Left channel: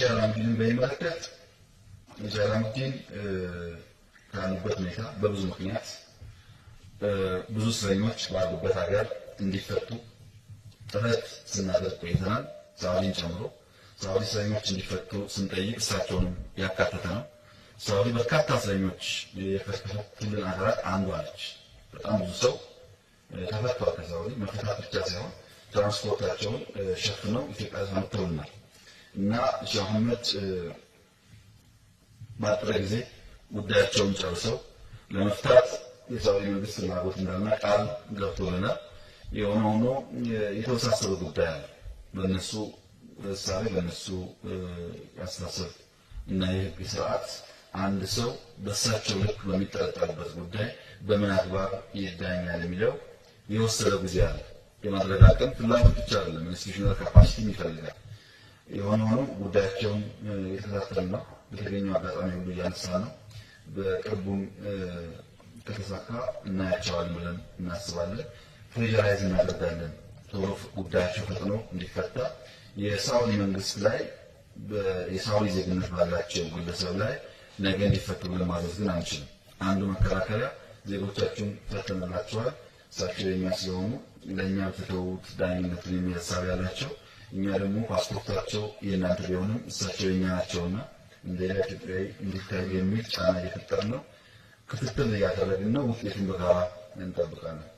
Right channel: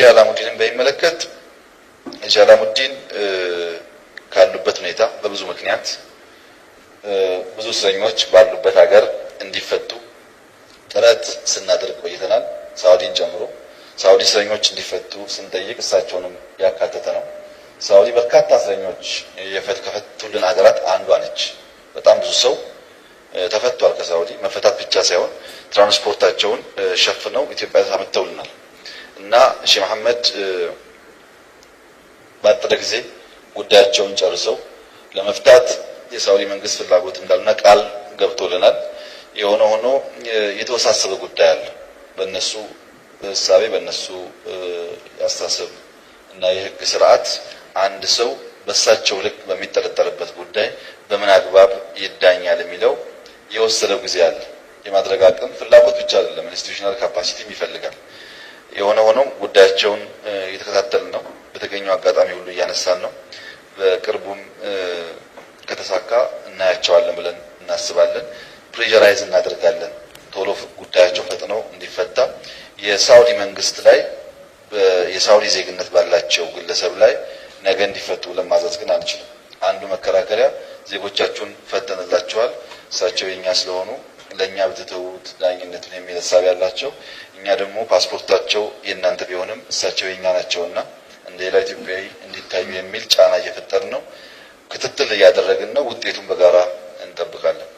የሼህ አላሙዲንን በሚመለከት የሼህ አላሙዲን ካሉበት ሁኔታ በብዙ ምክንያት ብዙ እስረኞች ባሉበት ሀገር እንዲፈቱ ጥረት ስናደርግ ቆይተናል። ሳውዲን ጨምሮ ሳውዲ እስረኞች እንዲፈቱ ስንጠይቅ እሳቸውንም ያካተተ ነው። ሳውዲ በርካታ እስረኞች ከፈቱልን ሀገራት አንዷ ነች። በጣም ብዙ ሰው ተፈቷል ከሳውዲ። መፈታት ብቻ ሳይሆን ትራንስፖርታቸውን ሸፍነው ኢትዮጵያ አመጥተውልናል እና ሼህ መሐመድ ባጠረ ጊዜ ጉዳያቸውን ጨርሰው ለመፍታት የሳውዲ መንግስት ፍላጎት እንዳለና ቃል ገብቶልናል። የሆነ ሆኖ የተወሳሰበ ጉዳይ አለ። በእነሱ እሳቤ በእነሱ ያስተሳሰብ እና የህግ ስርዓት አንድ ሰው በሳቸው ልክ በሚጠረጠርበት ጉዳይ በምን አግባብ ይዳኛል የሚለው የወሰደው ጊዜ አለ። የማድረግ አቅም ፍላጎት ብቻ አይደለም፣ ኢንስቲትዩሽናል ካፓሲቲም ይፈልጋል። የሆነ ሆኖ ጉዳያቸውን እየተከታተልን ነው። በተገኘው አጋጣሚ ሁሉ እያነሳን ነው። በቅርቡም ከተሳካ እናያቸዋለን ብለን እናስባለን። ፕሬዠራይዝ እናደርጋለን ቶሎ ጉዳያቸው ፈጥኖ እንዲፈታ። የሳውዲ መንግስት ላይ የሳውዲ ዜግነት ባላቸው ግለሰብ ላይ ነገ እንዲፈቱ ብለን ማዘዝ ግን አንችልም። አንዱ መከራከሪያ ዜጎቻችሁን ፈተንላቸዋል፣ እሳቸው የኛ ስለሆኑ ለኛ ብትተውት ዳኝነቱን የሚል ሐሳብ ያላቸው፣ እኛ ደግሞ ፓስፖርታቸው የእናንተ ቢሆንም እሳቸው የኛ ናቸውና እንደ ሌላ ኢትዮጵያዊ እንዲታዩ የሚል ጫና እየፈጠርን ነው። ክትትል እያደረግን ነው። ውጤቱን በጋራ እንጠብቃለን።